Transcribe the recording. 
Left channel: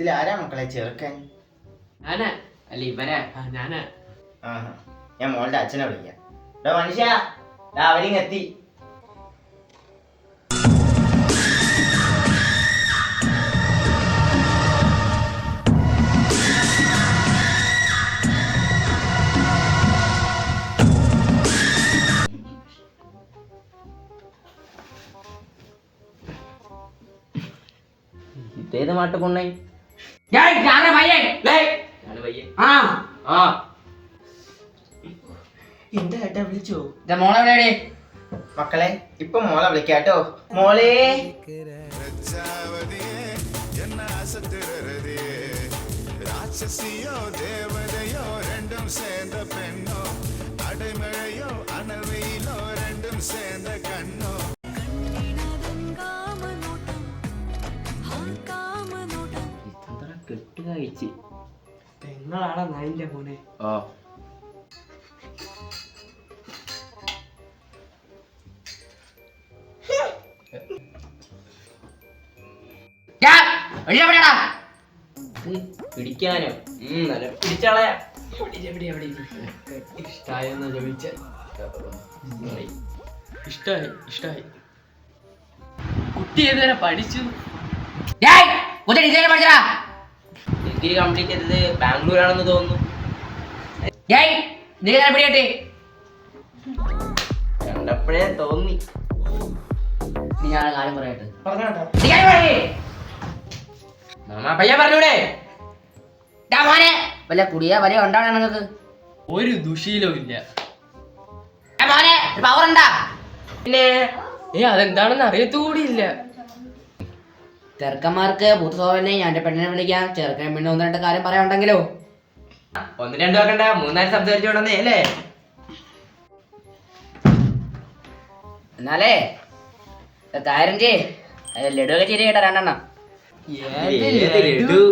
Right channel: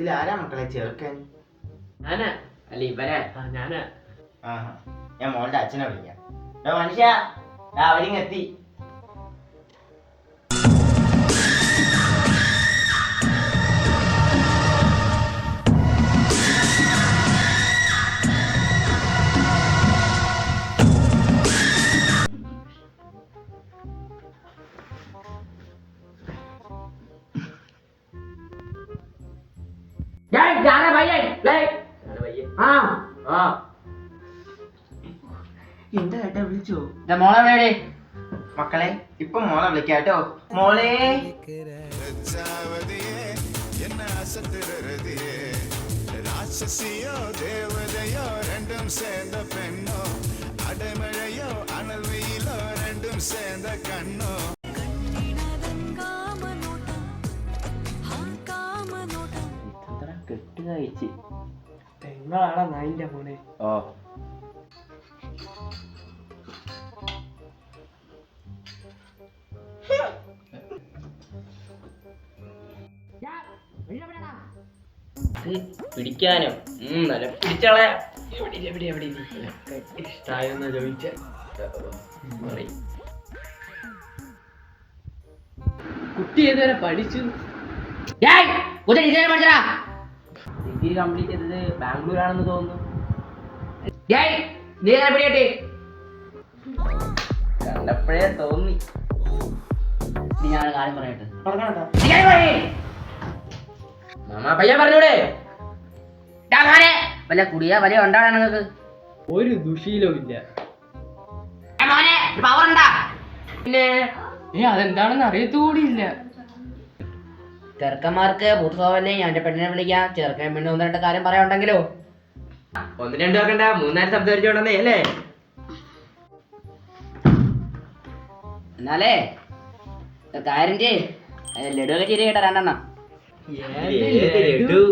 ഇതിലാരാ മക്കളെ ചെറുക്കൻ? ഞാനാ. അല്ല ഇവനാ? ഞാനാ. ഞാൻ മോളുടെ അച്ഛനെ വിളിക്കാം. മനുഷ്യ അവരിങ്ങെത്തി. ഇതേത് മാട്ട് കൊണ്ണേ? എന്താ ഏട്ടാ വിളിച്ചോ? മോളെവിടെയാടേ? മക്കളെ ഇപ്പൊ മോളെ വിളിക്കാട്ടോ. മോളെ കെട്ട് കഴിച്ച് പെങ്ങളാടാ നായിന്റെ മോനെ. ഓ പിടിക്കാനോ? നല്ല പിടിച്ചാളെ. ഇഷ്ടായെന്നാ ചോദിച്ച. ഇഷ്ടായി. കുട്ടി ഏതുവരെ പഠിച്ചു? ഡിഗ്രി കംപ്ലീറ്റ് ചെയ്തത് ബാംഗ്ലൂരാണെന്ന് തോന്നുന്നു. കണ്ടപ്പോഴേ തോന്നി. ഞാൻ കാര്യം പറയട്ടെ. പയ്യ പറഞ്ഞൂടെ? വല്ല കുടിയാ വലിയ ഉണ്ടാണ് നിങ്ങൾക്ക്? ഒരു ദുശീലവും ഇല്ല. പവർ ഉണ്ടാ? പിന്നെ അതെന്താണെന്ന് അറിയത്തുകൂടിയില്ല. ചെറുക്കന്മാർക്ക് പൂത്ത സ്വഭാവല്ലേ. ഞാൻ എന്റെ പെണ്ണിനെ വിളിക്കാം. ചെറുക്കൻ പിന്നെ ഒന്ന് രണ്ട് കാര്യം പറയാനുണ്ടെങ്കിലോ? ഒന്ന് രണ്ടു ആക്കണ്ട, മൂന്നാല് സംസാരിച്ചോണ്ടേ അല്ലേ? എന്നാലേ കാര്യം ചെയ്യേ. ലഡു ഒക്കെ ചിരി കേട്ടാ രണ്ടെണ്ണം. ലഡു